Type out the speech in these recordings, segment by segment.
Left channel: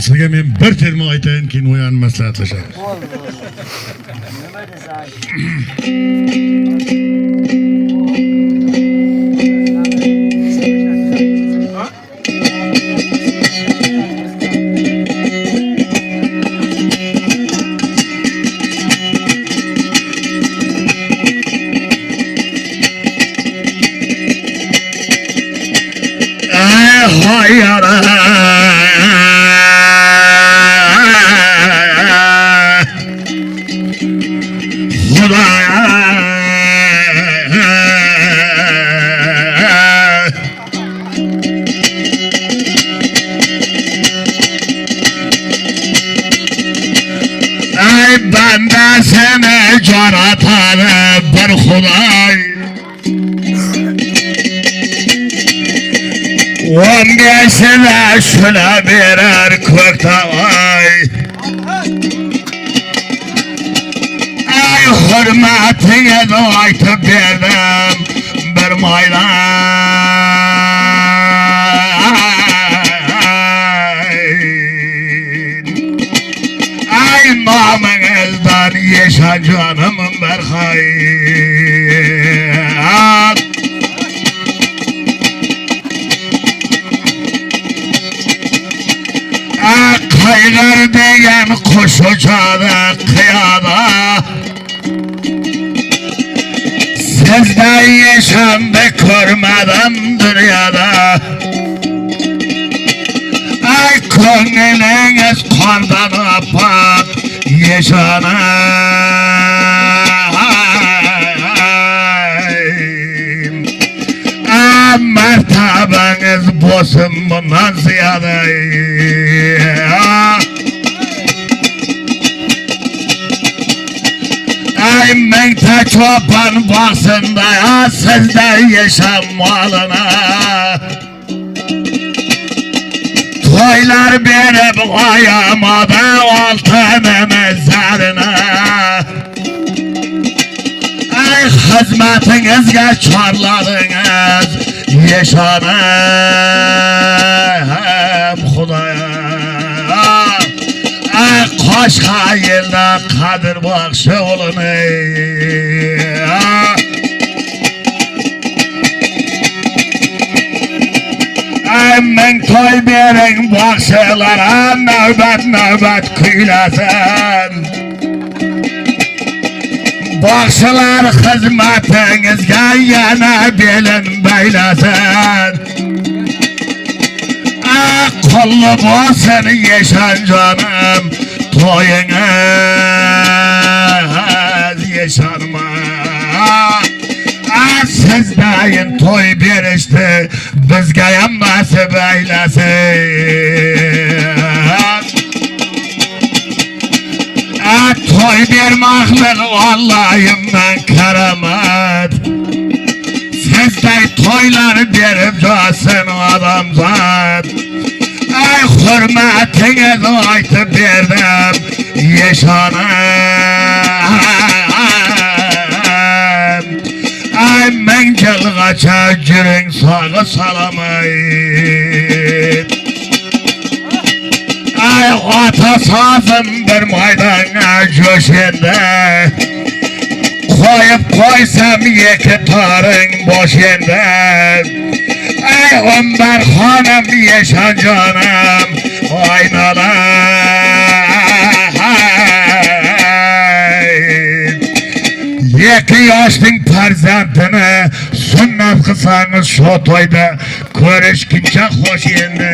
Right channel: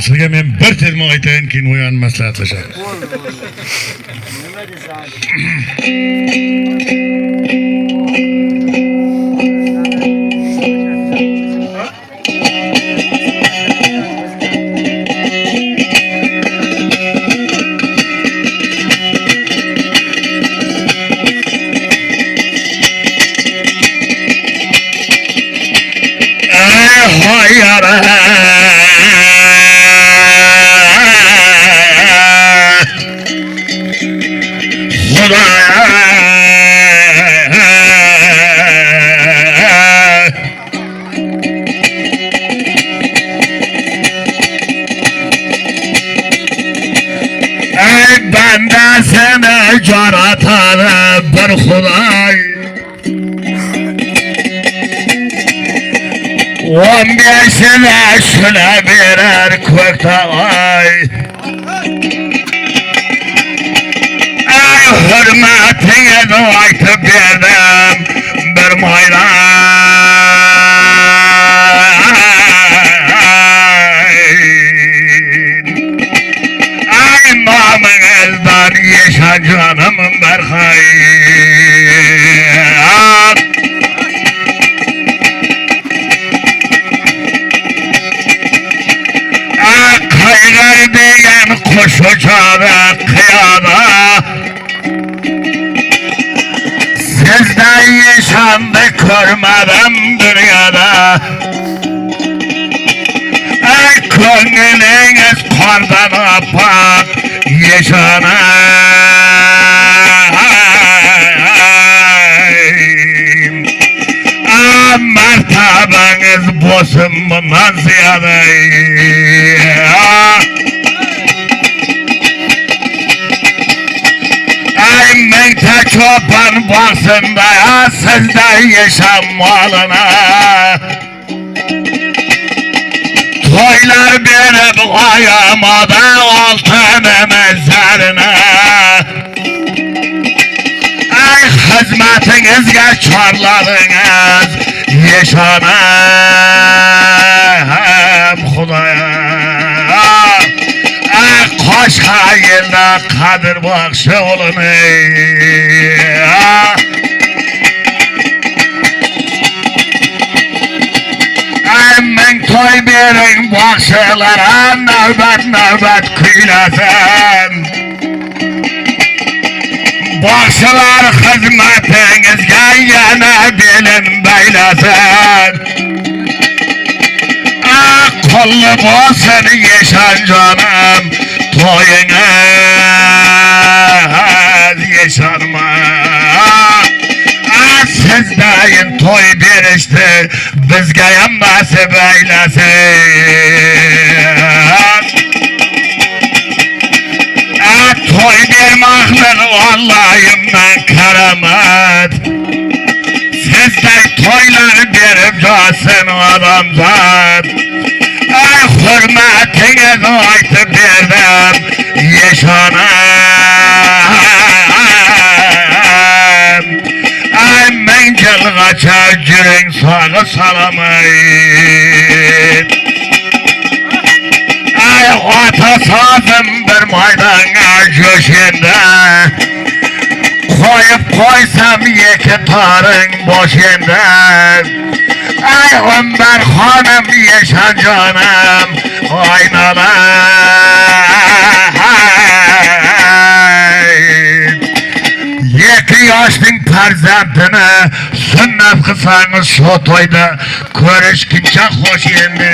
Sizga men bir terma aytayin, keyin o'yan maslahatlashamiz. Bo'ldi. Nima desang? Bende seni caratan bir Huday 15'ine şuna birer köktay Ey hürmetine de aytıp verdim bir maylan Ey namınızdan yaşa canımın berkay Kaygar diyen kuş uçadı kıyada Sizden yaşandı görmedim dünyada Ey gönlünüz kardan apak yaşanayım Mertabeniz bosun bundan ziyade Ey mekte çoban basında sizde yaşam malına Toylar verip ayamadı altını mezarına Ey hizmetinizge çarladınız yaşanım Hudaya Koş hayırlı kadir bakşı olun Men toy verin bakşılara nöbet nöbet kıylasın Bakşılar hizmetinizge yana bilin beylesin Kullu olsun yaşan canım toyunuz yaşanma Sizdeyin toy birişti bizge yan nasip eylesin Toy vermekle Allah'ımdan keramet Sizde toylar verip casın adamzat Ey hürmetine aytıp verdim yaşanım Ey mencil kaça cürün sağı salamayın Ey atasazım bir maydana köşende Koyup koysam iki tarın boşunda Ey Ömer hanım yaşa canım aynalar Yeki yaşlın perzentini sünnet kısanız şu toyda Körüşkünce hoş yendi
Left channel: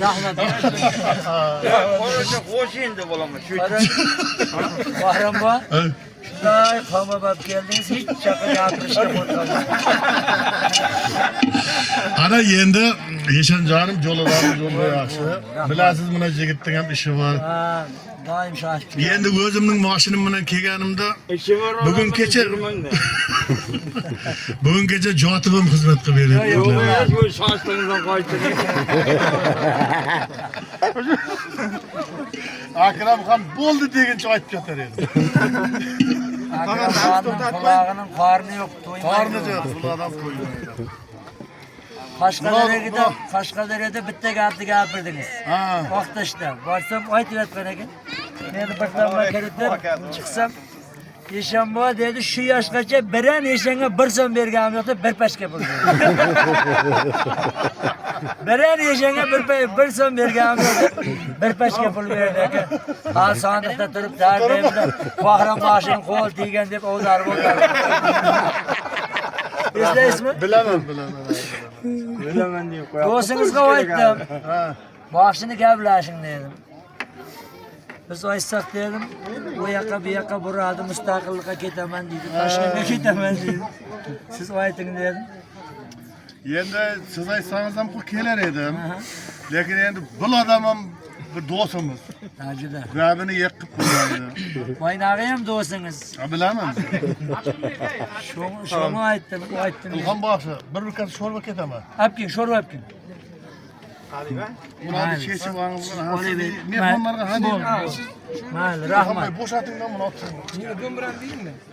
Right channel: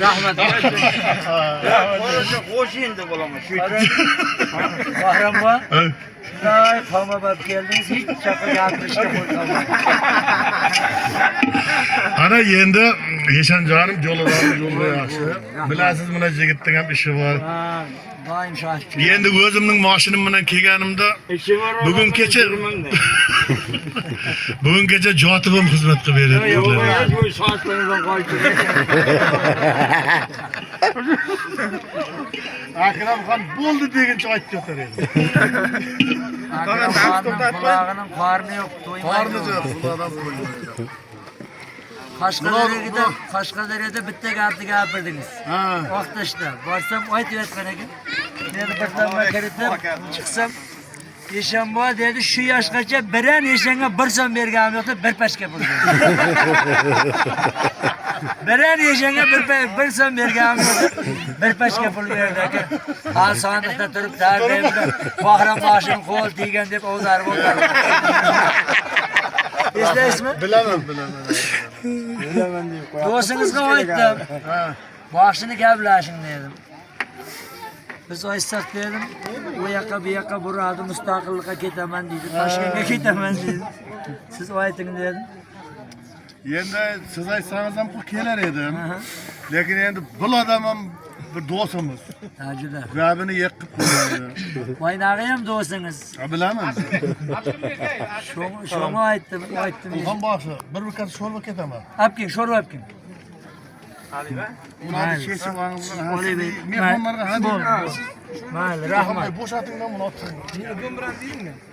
Rahmet. Hoş indi bulamı. Bahram var. Şunday kavma bak geldiniz hiç şaka yatırışta koyalım. Ana endi yaşan canım yolu yaxshi. Bilasiz mana jigitning ham ishi bor. Ha, doim şaşkın. Endi o'zimning mashinam bilan kelganimda bugun kecha bugun kecha jotib ham xizmat qilib berdi. Yo'q, shoshlig'ingizdan qo'yib. Akramxon bo'ldi deguncha aytib yotar edi. Akramxonning qulog'ining qorni yo'q, to'ymaydi. Qorni yo'q, xudodan qo'ymaydi. Kaşkadere'de bitta gapni gapirdingiz. Ha. Vaqtashda borsam aytayotgan ekan. Men birdan kelibdim, chiqsam Eshanboy dedi, shu yoshgacha biran eshanga 1 so'm berganim yo'q deb bir pashka pul berdi. Biran eshanga 1 so'm berganim yo'q deb bir pashka pul berdi aka. Ha sandiqda turib tartibda Bahram boshim qo'l tegan deb o'zarib o'tirdi. Eslaysizmi? Bilaman. Do'stingizga aytdim. Boshini gaplashing dedim. Biz aytsak dedim, u yoqqa bu yoqqa buradi, mustaqillikqa ketaman deydi, Toshkentga ketaman deydi. Siz ayting dedim. Endi siz aytsangiz ham kelar edim. Lekin endi bu odam ham bir do'stimiz. Juda. Gapini yiqib qo'ymaydi. Boynag'i ham do'stingiz. Bilaman. Shuni aytdim. Ilhom boshi, bir bukat sho'rva ketaman. Apking, sho'rva apking. Buni chechib olgan mehmonlarga hadya. Mayli, Rahmat. rahmat. Bo'shatingdan buni otdim.